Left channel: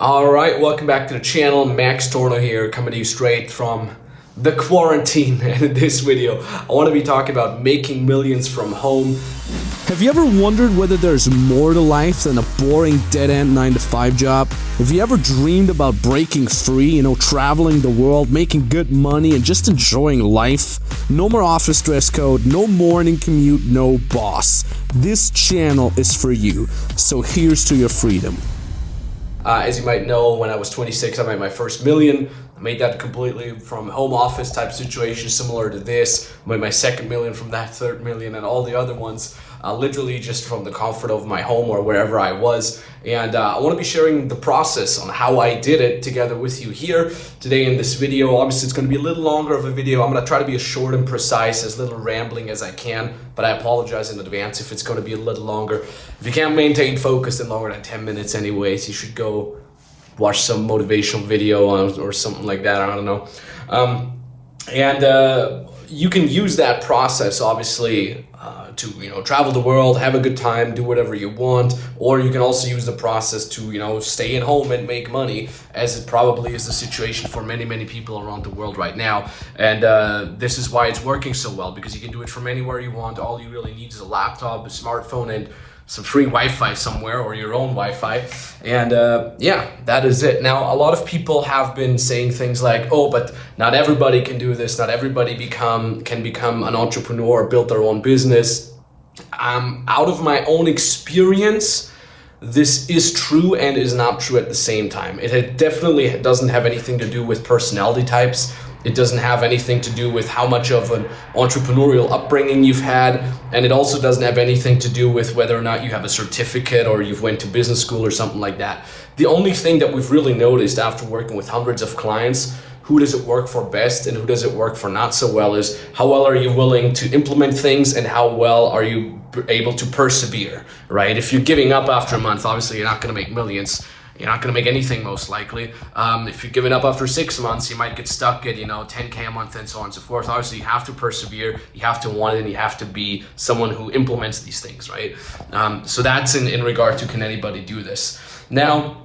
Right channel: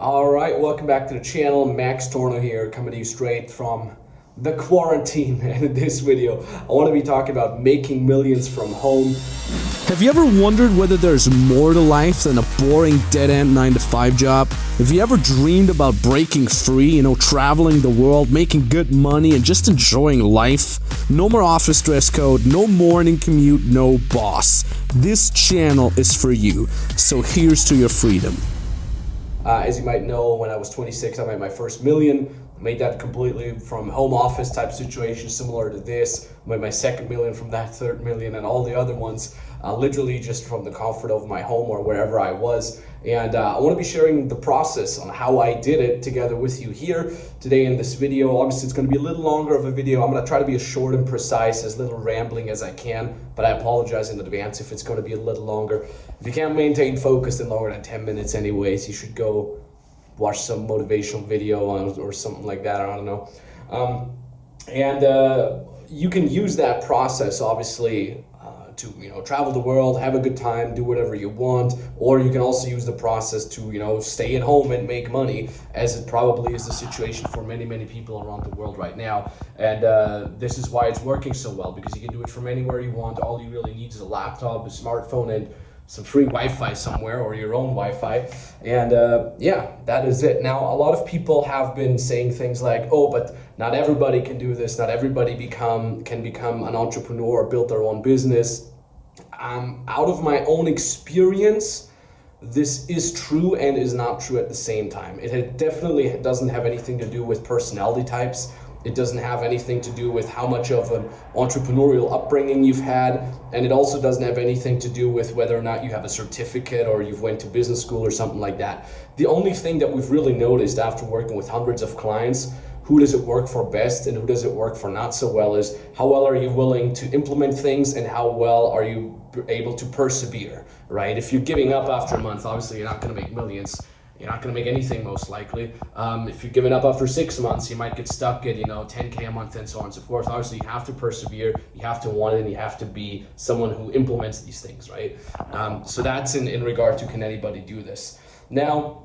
Alright, welcome back to the channel. Max Tornow here, coming to you straight from the quarantine. And in this video, I want to be talking about making millions from home. Have you ever wondered whether there's more to life than a boring dead-end 9-to-5 job? Have you ever dreamed about breaking free, traveling the world, making good money, and just enjoying life? No more office dress code, no morning commute, no boss. This channel is for you, so here's to your freedom. As you might know, when I was 26, I made my first million. I made that completely from home office type situation, similar to this. I made my second million from that, third million, and all the other ones, literally just from the comfort of my home or wherever I was. And I want to be sharing the process on how I did it together with you here today in this video. Obviously, it's going to be a little longer of a video. I'm going to try to be as short and precise, as little rambling as I can, but I apologize in advance if it's going to be a little longer. If you can't maintain focus in longer than 10 minutes anyways, you should go watch some motivational video or something like that. I don't know. You can use that process, obviously, to travel the world, have a good time, do whatever you want, or you can also use the process to stay at home and make money, as it probably is the situation for many people around the world right now. And this is why it's working so well, because you can do it from anywhere you want. All you really need is a laptop, a smartphone, and some free Wi-Fi somewhere, or your own Wi-Fi, and yeah, that is it. Now, a lot of people have been saying things like, oh, but not everybody can do this, not everybody can become an entrepreneur or build their own business. Out of my own experience, this is true and is not true at the same time. It definitely doesn't have anything to do with personality types. It doesn't have anything to do with how much of an entrepreneurial upbringing you've had, and it also doesn't have anything to do with whether or not you have a certificate or you've went to business school or something like that. The only thing that we've really noticed after working with hundreds of clients, who does it work for best and who does it work for not so well, is how well are you willing to implement things and how well are you able to persevere, right? If you're giving up after a month, obviously you're not going to make millions. You're not going to make anything, most likely. If you give it up after 6 months, you might get stuck at 10K a month and so on and so forth. Obviously, you have to persevere, you have to want it, and you have to be someone who implements these things, right? So that's in regard to, can anybody do this? Now,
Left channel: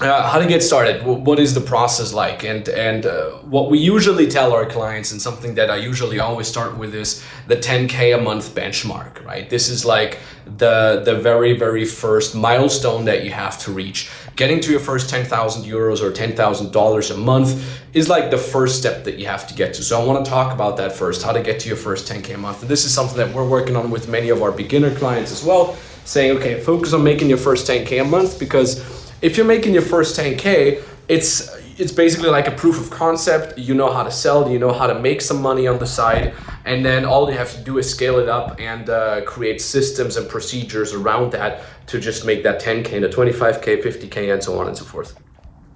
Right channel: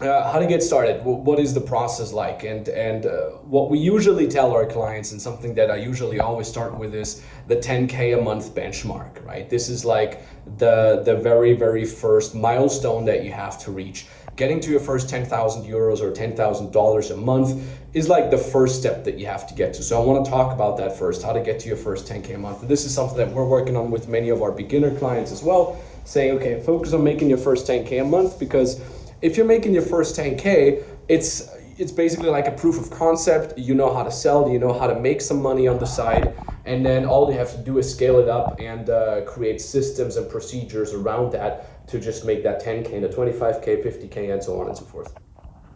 how to get started? What is the process like? And what we usually tell our clients, and something that I usually always start with, is the 10K a month benchmark, right? This is like the very first milestone that you have to reach. Getting to your first 10,000 euros or $10,000 a month is like the first step that you have to get to. So I want to talk about that first, how to get to your first 10K a month. And this is something that we're working on with many of our beginner clients as well, saying, okay, focus on making your first 10K a month, because if you're making your first 10K, it's basically like a proof of concept. You know how to sell, you know how to make some money on the side, and then all you have to do is scale it up and create systems and procedures around that to just make that 10K into 25K, 50K, and so on and so forth.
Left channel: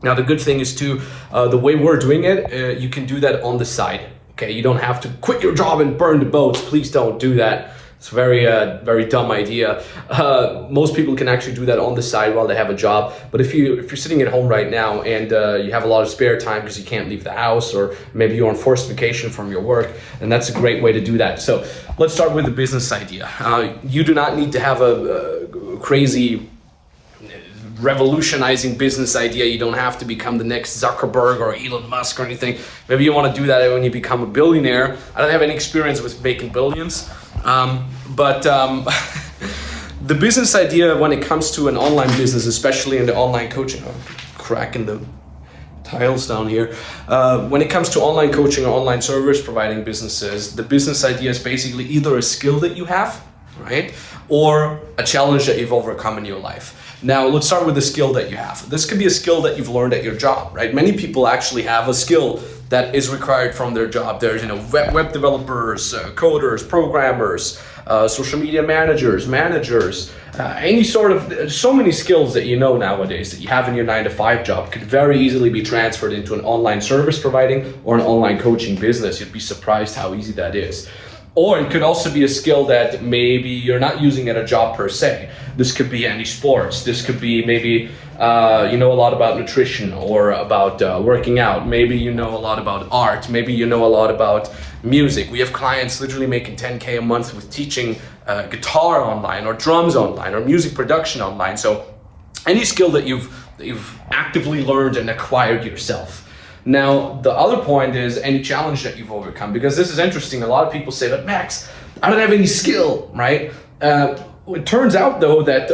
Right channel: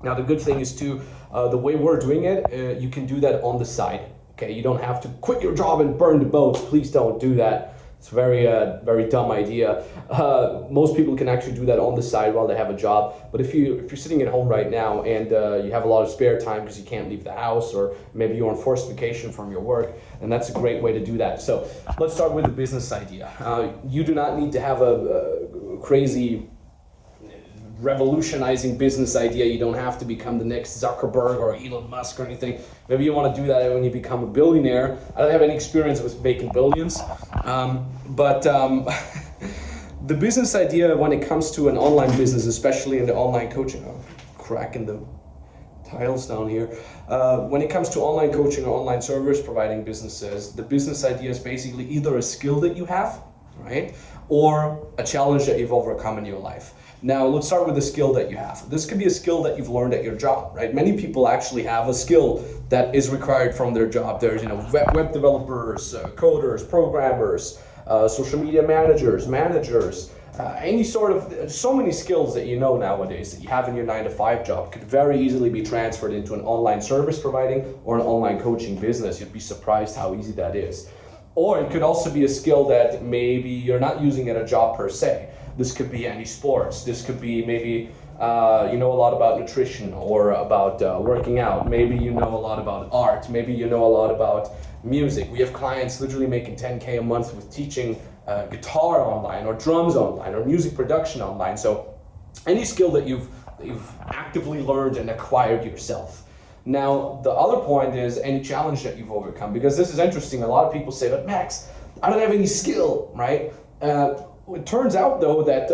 Now, the good thing is too, the way we're doing it, you can do that on the side. Okay, you don't have to quit your job and burn the boats. Please don't do that. It's a very dumb idea. Most people can actually do that on the side while they have a job. But if you're sitting at home right now and you have a lot of spare time because you can't leave the house, or maybe you're on forced vacation from your work, and that's a great way to do that. So let's start with the business idea. You do not need to have a crazy revolutionizing business idea. You don't have to become the next Zuckerberg or Elon Musk or anything. Maybe you want to do that when you become a billionaire. I don't have any experience with making billions, but the business idea when it comes to an online business, especially in the online coaching, cracking the tiles down here. When it comes to online coaching or online service providing businesses, the business idea is basically either a skill that you have, right, or a challenge that you've overcome in your life. Now, let's start with the skill that you have. This could be a skill that you've learned at your job, right? Many people actually have a skill that is required from their job. There's, web developers, coders, programmers, social media managers, any sort of, so many skills that nowadays that you have in your 9-to-5 job could very easily be transferred into an online service providing or an online coaching business. You'd be surprised how easy that is. Or it could also be a skill that maybe you're not using at a job per se. This could be any sports. This could be maybe you know a lot about nutrition or about working out. Maybe you know a lot about art. Maybe you know a lot about music. We have clients literally making 10K a month with teaching guitar online or drums online or music production online. So any skill that you've that you've actively learned and acquired yourself. Now, the other point is any challenge that you've overcome, because this is interesting. A lot of people say, but Max, I don't have any skill, right? It turns out though that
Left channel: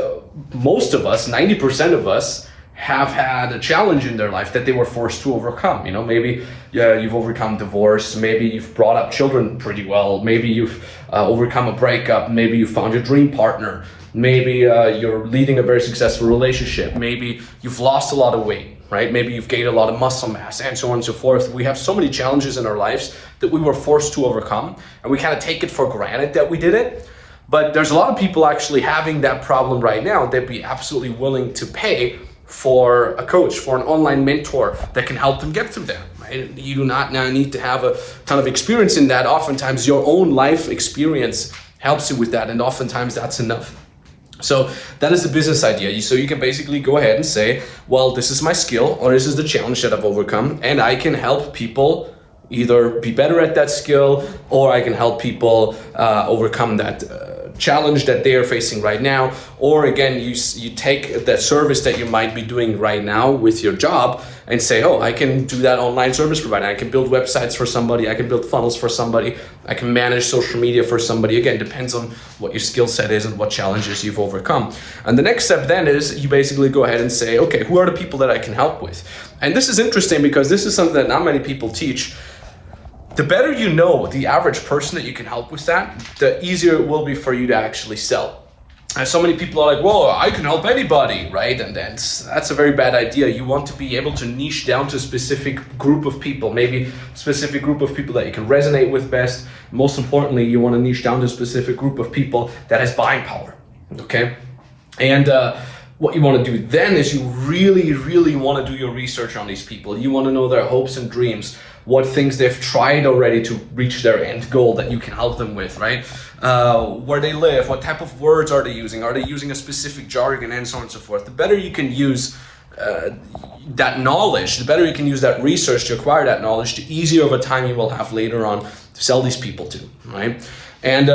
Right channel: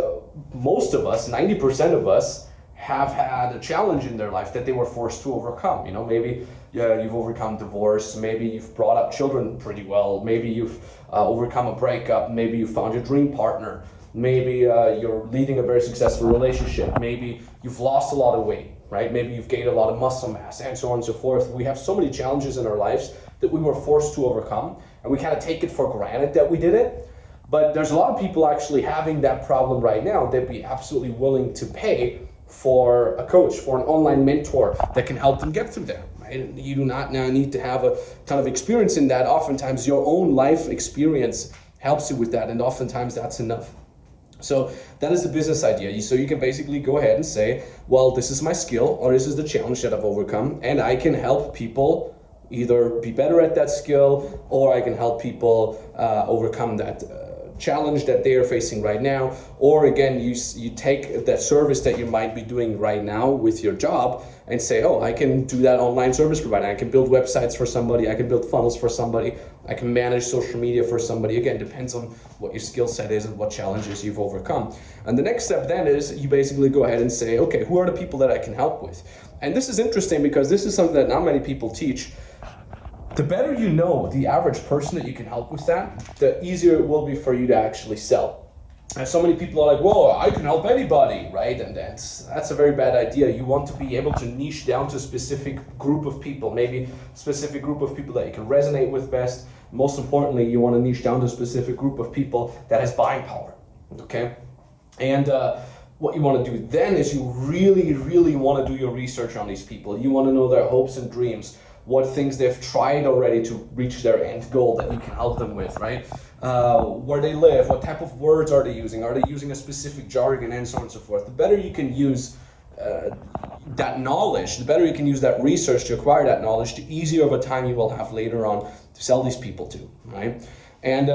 most of us, 90% of us, have had a challenge in their life that they were forced to overcome. You know, maybe you've overcome divorce, maybe you've brought up children pretty well, maybe you've overcome a breakup, maybe you found your dream partner, maybe you're leading a very successful relationship, maybe you've lost a lot of weight, right? Maybe you've gained a lot of muscle mass, and so on and so forth. We have so many challenges in our lives that we were forced to overcome, and we kind of take it for granted that we did it. But there's a lot of people actually having that problem right now. They'd be absolutely willing to pay for a coach, for an online mentor that can help them get through that. Right? You do not now need to have a ton of experience in that. Oftentimes your own life experience helps you with that, and oftentimes that's enough. So that is the business idea. So you can basically go ahead and say, well, this is my skill, or this is the challenge that I've overcome, and I can help people either be better at that skill, or I can help people overcome that challenge that they are facing right now. Or again, you take that service that you might be doing right now with your job and say, oh, I can do that online service provider. I can build websites for somebody. I can build funnels for somebody. I can manage social media for somebody. Again, depends on what your skill set is and what challenges you've overcome. And the next step then is you basically go ahead and say, okay, who are the people that I can help with? And this is interesting because this is something that not many people teach. The better you know the average person that you can help with that, the easier it will be for you to actually sell. And so many people are like, well, I can help anybody, right? And that's a very bad idea. You want to be able to niche down to a specific group of people, maybe a specific group of people that you can resonate with best. Most importantly, you want to niche down to a specific group of people that has buying power, okay? And what you want to do then is you really, really want to do your research on these people. You want to know their hopes and dreams, what things they've tried already to reach their end goal that you can help them with, right? Where they live, what type of words are they using? Are they using a specific jargon, and so on and so forth? The better you can use that knowledge, the better you can use that research to acquire that knowledge, the easier of a time you will have later on to sell these people to, right? And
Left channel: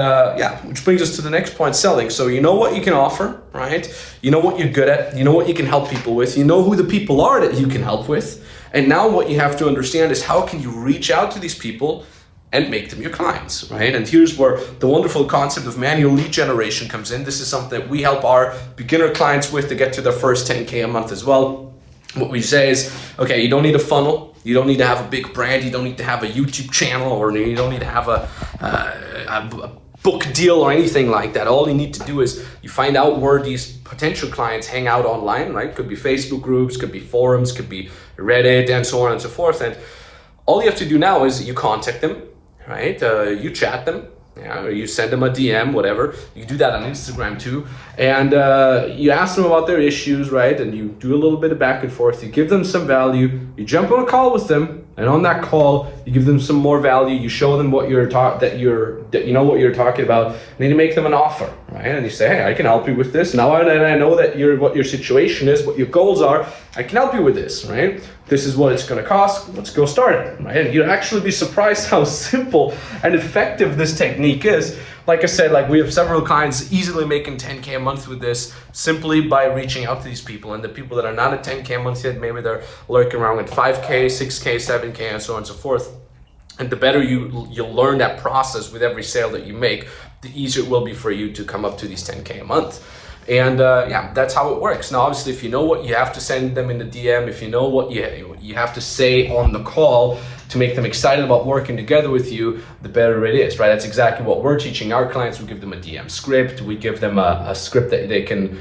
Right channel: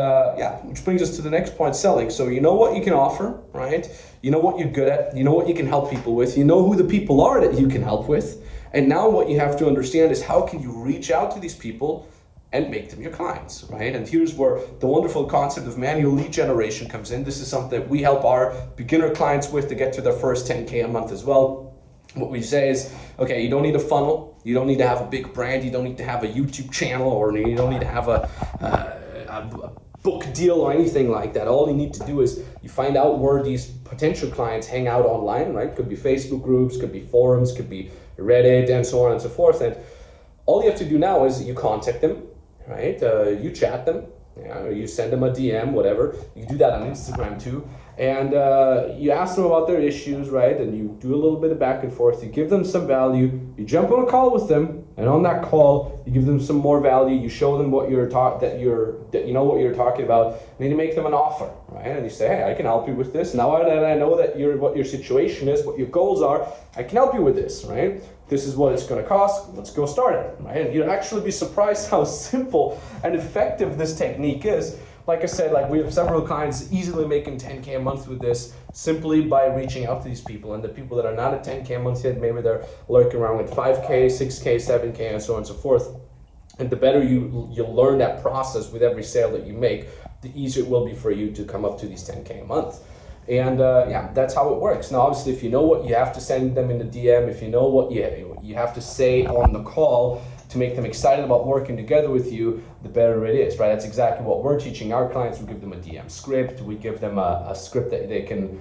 which brings us to the next point, selling. So you know what you can offer, right? You know what you're good at, you know what you can help people with, you know who the people are that you can help with. And now what you have to understand is how can you reach out to these people and make them your clients, right? And here's where the wonderful concept of manual lead generation comes in. This is something that we help our beginner clients with to get to their first 10K a month as well. What we say is, okay, you don't need a funnel, you don't need to have a big brand, you don't need to have a YouTube channel, or you don't need to have a book deal or anything like that. All you need to do is you find out where these potential clients hang out online, right? Could be Facebook groups, could be forums, could be Reddit, and so on and so forth. And all you have to do now is you contact them, right? You chat them, you send them a DM, whatever. You do that on Instagram too. And you ask them about their issues, right? And you do a little bit of back and forth. You give them some value. You jump on a call with them. And on that call, you give them some more value. You show them what you're that you know what you're talking about. And then you make them an offer, right? And you say, hey, I can help you with this. Now I know that what your situation is, what your goals are. I can help you with this, right? This is what it's going to cost. Let's go start it, right? And you'll actually be surprised how simple and effective this technique is. Like I said, like we have several clients easily making 10K a month with this simply by reaching out to these people. And the people that are not at 10K a month yet, maybe they're lurking around with 5K, 6K, 7K, and so on and so forth. And the better you'll learn that process with every sale that you make, the easier it will be for you to come up to these 10K a month. And that's how it works. Now, obviously, if you know what you have to send them in the DM, if you know what you have to say on the call to make them excited about working together with you, the better it is, right? That's exactly what we're teaching our clients. We give them a DM script. We give them a script that they can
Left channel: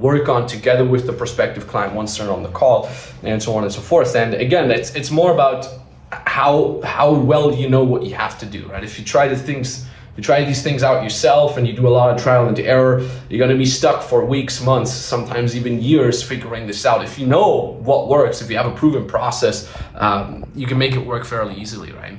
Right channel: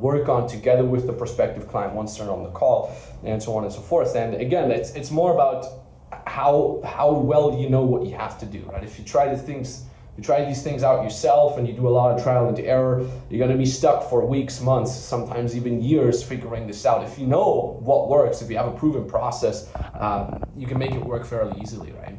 work on together with the prospective client once they're on the call, and so on and so forth. And again, it's more about how well you know what you have to do, right? If you try these things out yourself and you do a lot of trial and error, you're going to be stuck for weeks, months, sometimes even years figuring this out. If you know what works, if you have a proven process, you can make it work fairly easily, right?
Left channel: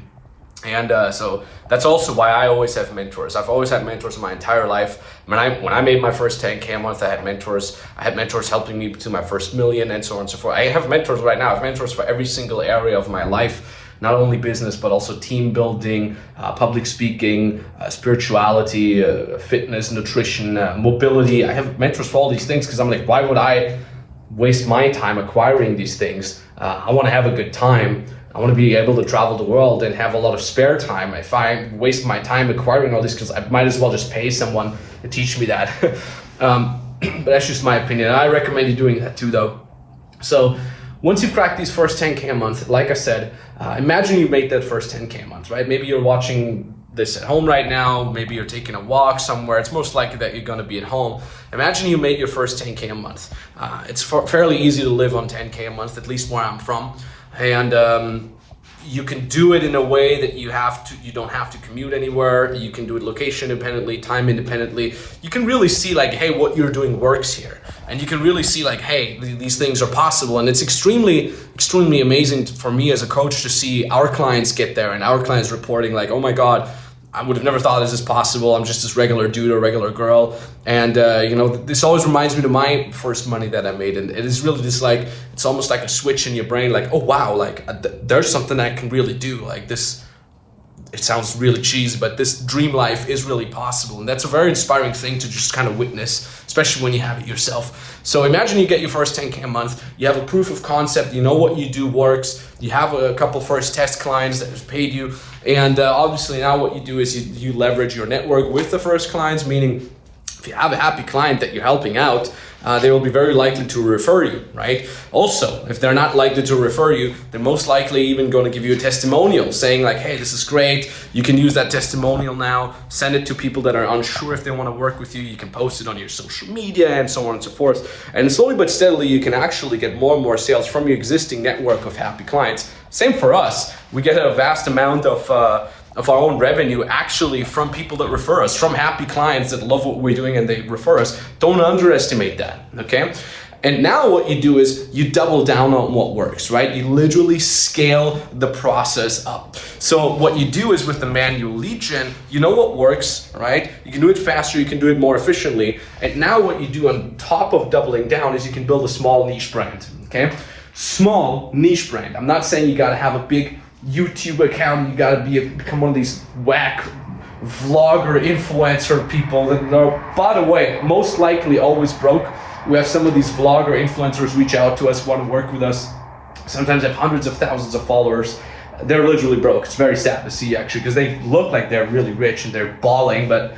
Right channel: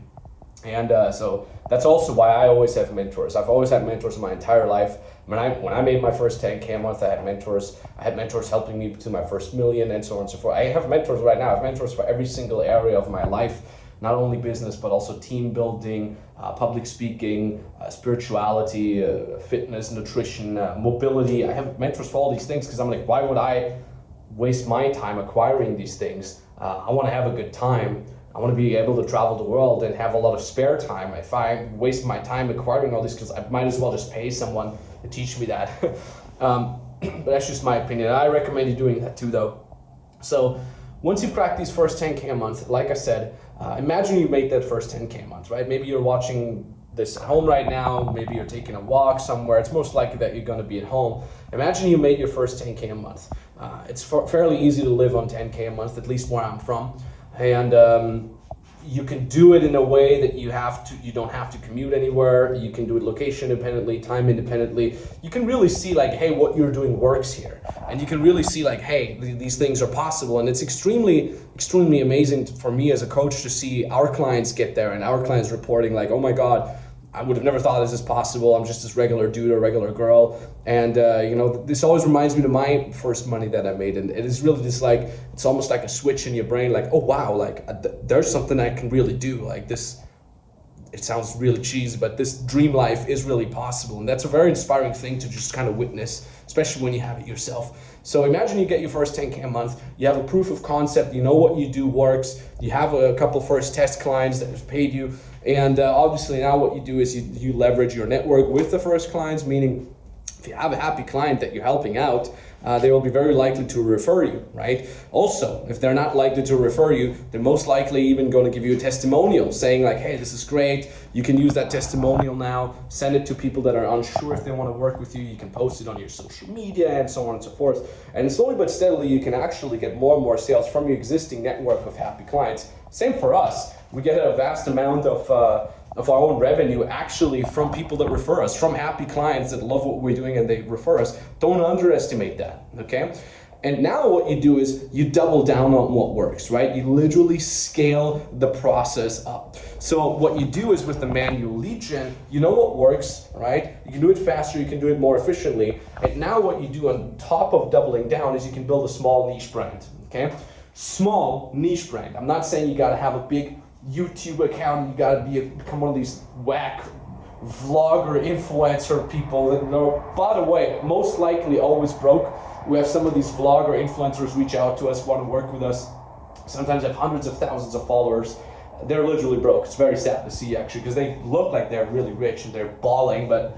And so that's also why I always have mentors. I've always had mentors my entire life. When I made my first 10K a month, I had mentors. I had mentors helping me to my first million, and so on and so forth. I have mentors right now. I have mentors for every single area of my life. Not only business, but also team building, public speaking, spirituality, fitness, nutrition, mobility. I have mentors for all these things because I'm like, why would I waste my time acquiring these things. I want to have a good time. I want to be able to travel the world and have a lot of spare time. If I waste my time acquiring all these skills, I might as well just pay someone to teach me that. But that's just my opinion. I recommend you doing that too, though. So once you've cracked these first 10K a month, like I said, imagine you make that first 10K a month, right? Maybe you're watching this at home right now. Maybe you're taking a walk somewhere. It's most likely that you're going to be at home. Imagine you made your first 10K a month. It's fairly easy to live on 10K a month, at least where I'm from. And you can do it in a way that you don't have to commute anywhere. You can do it location independently, time independently. You can really see like, hey, what you're doing works here. And you can really see like, hey, these things are possible. And it's extremely, extremely amazing for me as a coach to see our clients get there and our clients reporting like, oh my God, I would have never thought this is possible. I'm just this regular dude or regular girl. And, this always reminds me of my first money that I made. And it is really just like, it's almost like a switch in your brain. Like, oh, wow, like there's something I can really do. Like this, it sounds really cheesy, but this dream life is really possible. And that's a very inspiring thing to just kind of witness, especially when you have it yourself. So imagine you get your first 10K a month, you have a proof of concept, you know what you do works, you have a couple first test clients that have paid you, and obviously now what you do is you leverage your network with the first clients, meaning if you have a happy client that you're helping out, they will be very likely to refer you, right? Also, if they're not likely to refer you, they're most likely even going to give you a testimonial saying like, hey, this is great. You can use that testimonial now, send it to people that are unsure if they want to work with you. You can post it on your social media and so on and so forth. And slowly but steadily, you can actually get more and more sales from your existing network of happy clients. Same for us. We get a vast amount of our own revenue actually from people that refer us, from happy clients that love what we're doing and they refer us. Don't underestimate that, okay? And now what you do is you double down on what works, right? You literally scale the process up. So what you do is with the manual lead gen, you know what works, right? You can do it faster, you can do it more efficiently. And now what you do on top of doubling down is you can build a small niche brand, okay? Small niche brand. I'm not saying you gotta have a big YouTube account, you gotta become one of these whack vlogger influencer people that are, by the way, most likely always broke. We have some of these vlogger influencers reach out to us, want to work with us. Sometimes have hundreds of thousands of followers. They're literally broke. It's very sad to see actually, because they look like they're really rich and they're balling, but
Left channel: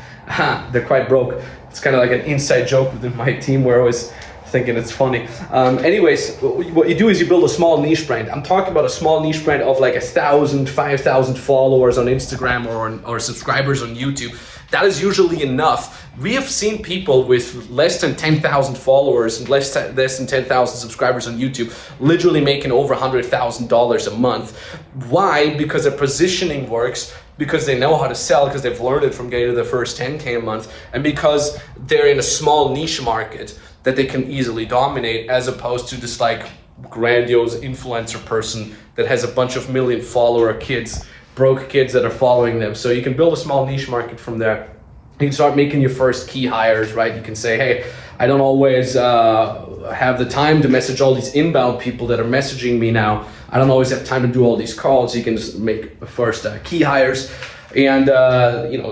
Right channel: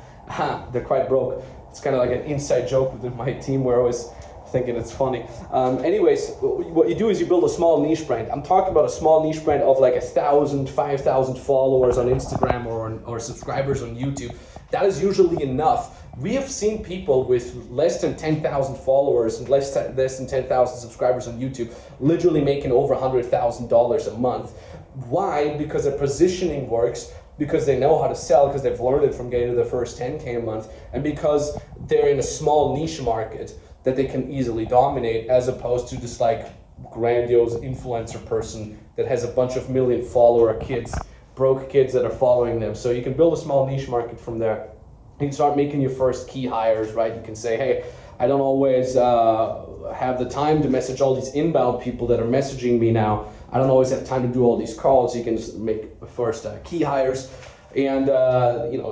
they're quite broke. It's kind of like an inside joke within my team. We're always thinking it's funny. Anyways, what you do is you build a small niche brand. I'm talking about a small niche brand of like 1,000, 5,000 followers on Instagram or subscribers on YouTube. That is usually enough. We have seen people with less than 10,000 followers and less than 10,000 subscribers on YouTube literally making over $100,000 a month. Why? Because their positioning works, because they know how to sell, because they've learned it from getting to the first 10K a month, and because they're in a small niche market that they can easily dominate, as opposed to this like grandiose influencer person that has a bunch of million follower kids, broke kids that are following them. So you can build a small niche market from there. You can start making your first key hires, right? You can say, hey, I don't always have the time to message all these inbound people that are messaging me now. I don't always have time to do all these calls. You can just make first key hires. And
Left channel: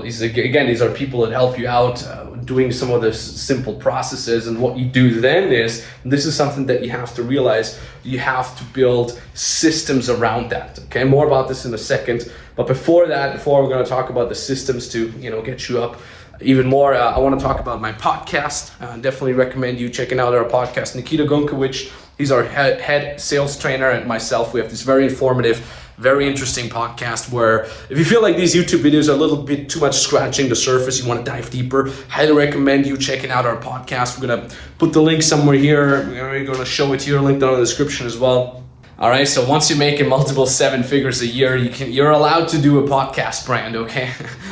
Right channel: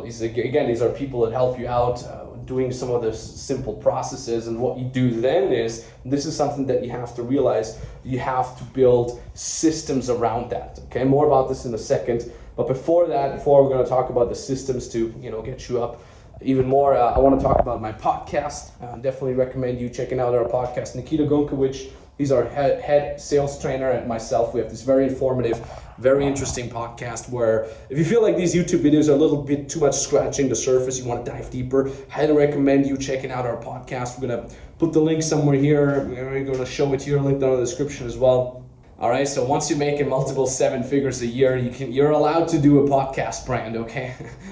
these are people that help you out doing some of the simple processes. And what you do then is, and this is something that you have to realize, you have to build systems around that. Okay, more about this in a second. But before we're going to talk about the systems to get you up even more, I want to talk about my podcast. Definitely recommend you checking out our podcast. Nikita Gunkowicz, he's our head sales trainer, and myself. We have this very informative, very interesting podcast where if you feel like these YouTube videos are a little bit too much scratching the surface, you want to dive deeper, highly recommend you checking out our podcast. We're going to put the link somewhere here. We're going to show it here, link down in the description as well. All right, so once you're making multiple 7 figures a year, you're allowed to do a podcast brand, okay?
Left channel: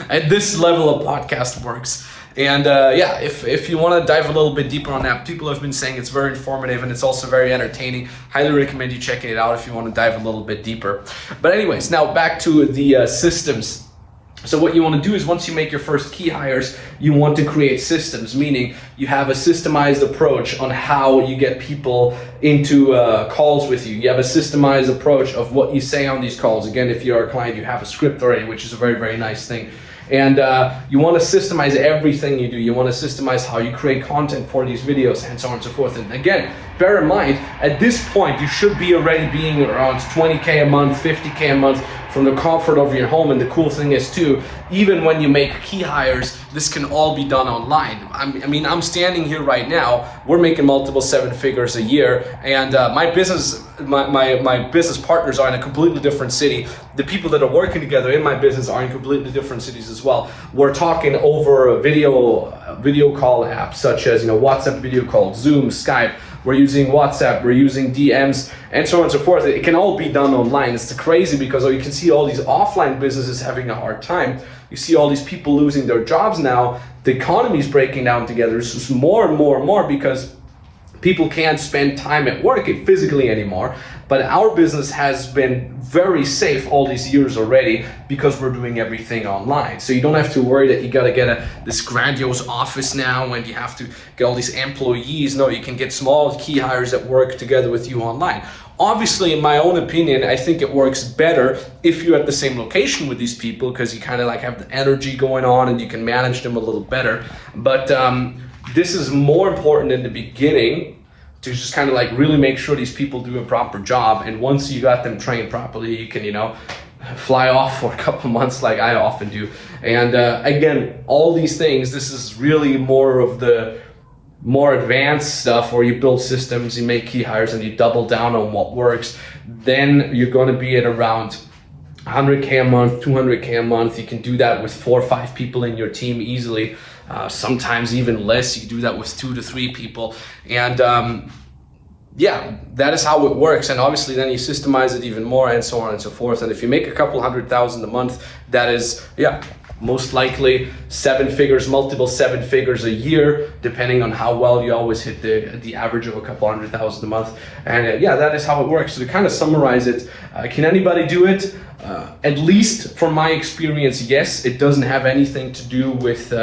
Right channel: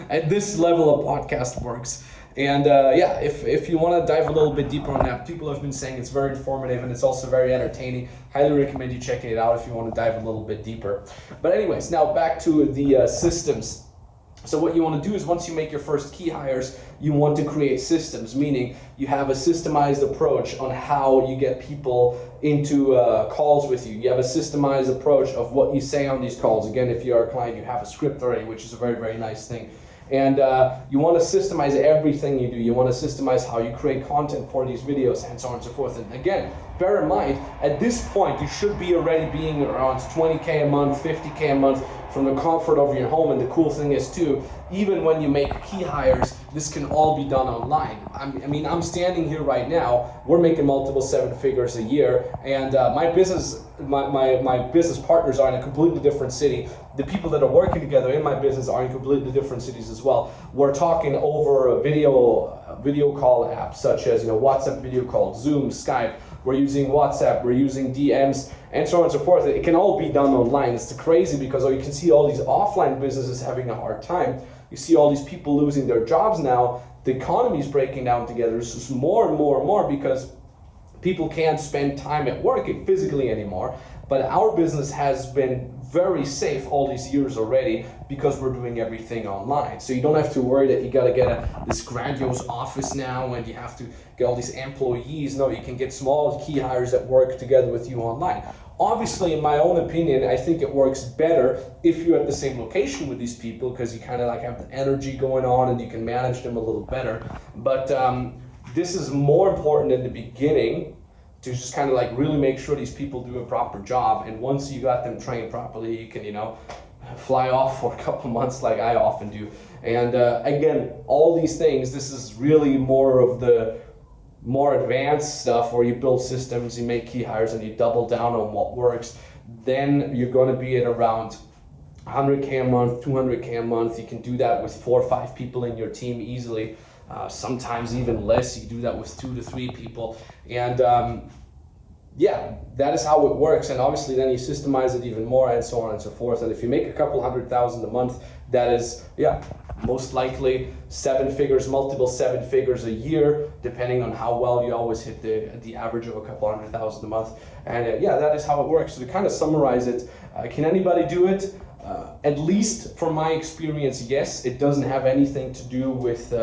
At this level of podcast works. And if you want to dive a little bit deeper on that, people have been saying it's very informative and it's also very entertaining. Highly recommend you checking it out if you want to dive a little bit deeper. But anyways, now back to the systems. So what you want to do is once you make your first key hires, you want to create systems, meaning you have a systemized approach on how you get people into calls with you. You have a systemized approach of what you say on these calls. Again, if you're a client, you have a script already, which is a very, very nice thing. And you want to systemize everything you do. You want to systemize how you create content for these videos and so on and so forth. And again, bear in mind, at this point, you should be already being around 20K a month, 50K a month from the comfort of your home. And the cool thing is too, even when you make key hires, this can all be done online. I mean, I'm standing here right now, we're making multiple 7 figures a year, and my business partners are in a completely different city. The people that are working together in my business are in completely different cities as well. We're talking over a video call apps such as, WhatsApp video call, Zoom, Skype. We're using WhatsApp, we're using DMs, and so on and so forth. It can all be done online. It's crazy because you can see all these offline businesses having a hard time. You see all these people losing their jobs now. The economy is breaking down together. It's just more and more and more because people can't spend time at work physically anymore. But our business has been very safe all these years already because we're doing everything online. So you don't have to worry that you got to get this grandiose office now and you have to get all these employees. No, you can get small key hires that work together with you online. Obviously, in my own opinion, I think it works better if you're at the same location with these people because you kind of like have the energy going on and you can manage them a little better. But this is more important in the beginning to just kind of like really make sure these people do a proper job. And once you got them trained properly, you can, fly off for a couple months like I often do. And again, all these things, this is really more of the more advanced stuff where you build systems, you make key hires, and you double down on what works. Then you're going to be at around 100K a month, 200K a month. You can do that with 4 or 5 people in your team easily. Sometimes even less. You can do that with 2 to 3 people. And that is how it works. And obviously then you systemize it even more and so on and so forth. And if you make a couple $100,000 a month, that is, most likely 7 figures, multiple 7 figures a year, depending on how well you always hit the average of a couple $100,000 a month. And that is how it works. So to kind of summarize it, can anybody do it? At least from my experience, yes. It doesn't have anything to do with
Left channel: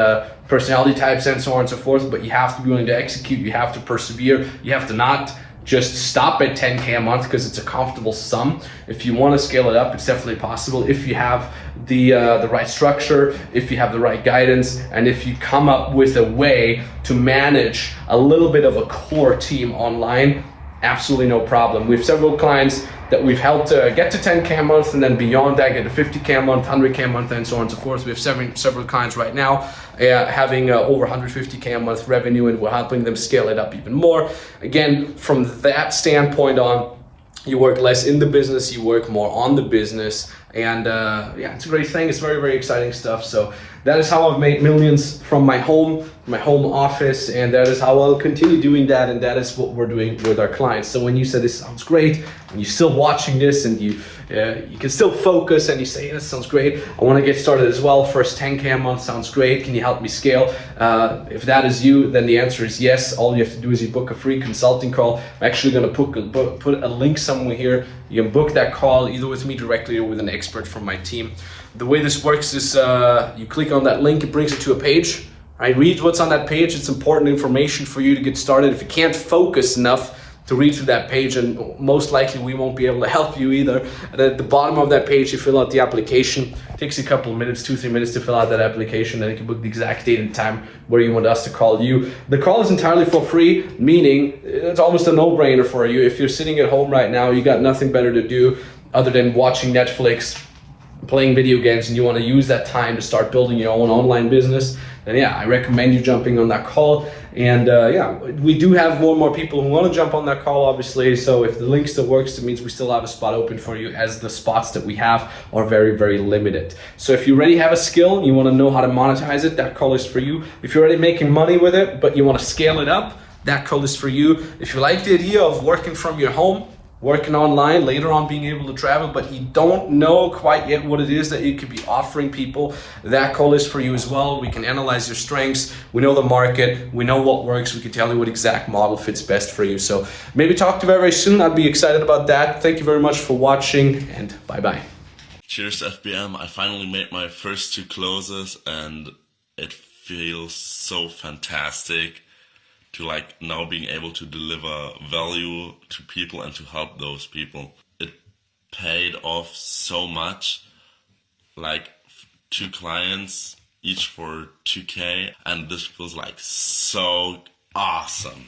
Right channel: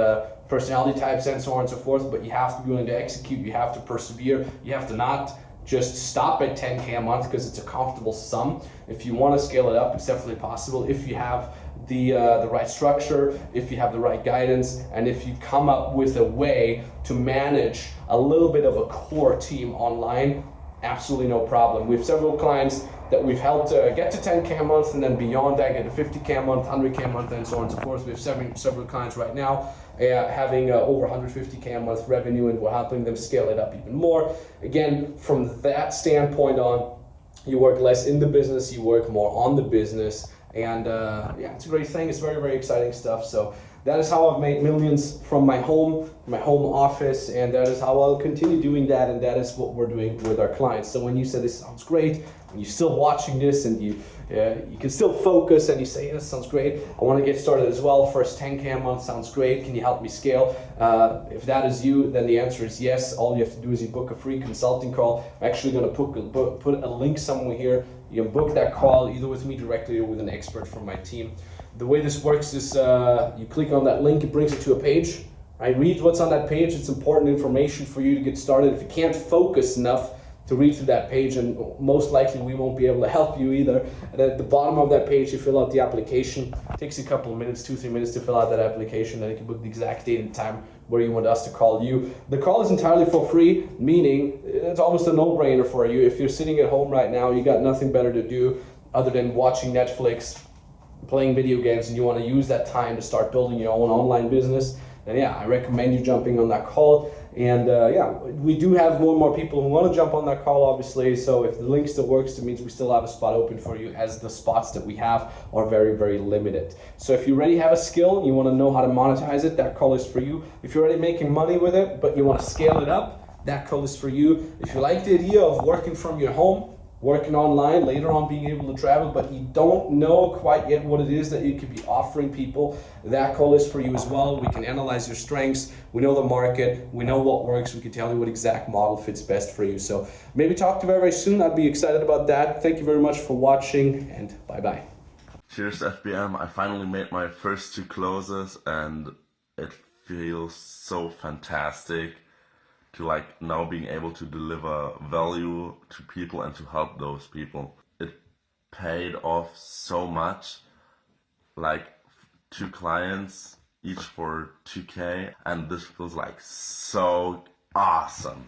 personality types and so on and so forth, but you have to be willing to execute, you have to persevere, you have to not just stop at 10K a month because it's a comfortable sum. If you want to scale it up, it's definitely possible if you have the right structure, if you have the right guidance, and if you come up with a way to manage a little bit of a core team online. Absolutely no problem. We have several clients that we've helped get to 10K a month, and then beyond that get to 50K a month, 100K a month, and so on and so forth. We have several clients right now having over 150K a month revenue, and we're helping them scale it up even more. Again, from that standpoint on, you work less in the business, you work more on the business, and it's a great thing. It's very, very exciting stuff. So that is how I've made millions from my home office, and that is how I'll continue doing that, and that is what we're doing with our clients. So when you say this sounds great, when you're still watching this and you can still focus and you say, this sounds great, I want to get started as well, first 10K a month sounds great, can you help me scale? If that is you, then the answer is yes. All you have to do is you book a free consulting call. I'm actually going to put a link somewhere here. You can book that call either with me directly or with an expert from my team. The way this works is you click on that link, it brings you to a page. Right? Read what's on that page. It's important information for you to get started. If you can't focus enough to read through that page, and most likely we won't be able to help you either. And at the bottom of that page, you fill out the application. It takes you a couple of minutes, 2-3 minutes to fill out that application. Then you can book the exact date and time where you want us to call you. The call is entirely for free, meaning it's almost a no-brainer for you. If you're sitting at home right now, you got nothing better to do other than watching Netflix, playing video games, and you want to use that time to start building your own online business, then I recommend you jumping on that call. And we do have more and more people who want to jump on that call, obviously. So if the link still works, it means we still have a spot open for you, as the spots that we have are very, very limited. So if you already have a skill and you want to know how to monetize it, that call is for you. If you're already making money with it, but you want to scale it up, that call is for you. If you like the idea of working from your home, working online, later on being able to travel, but you don't know quite yet what it is that you could be offering people, that call is for you as well. We can analyze your strengths, we know the market, we know what works, we can tell you what exact model fits best for you. So maybe talk to you very, very soon. I'd be excited about that. Thank you very much for watching, and bye-bye. Cheers, FBM. I finally made my first 2 closes, and it feels so fantastic to now being able to deliver value to people and to help those people. It paid off so much, 2 clients, each for 2K, and this was so awesome.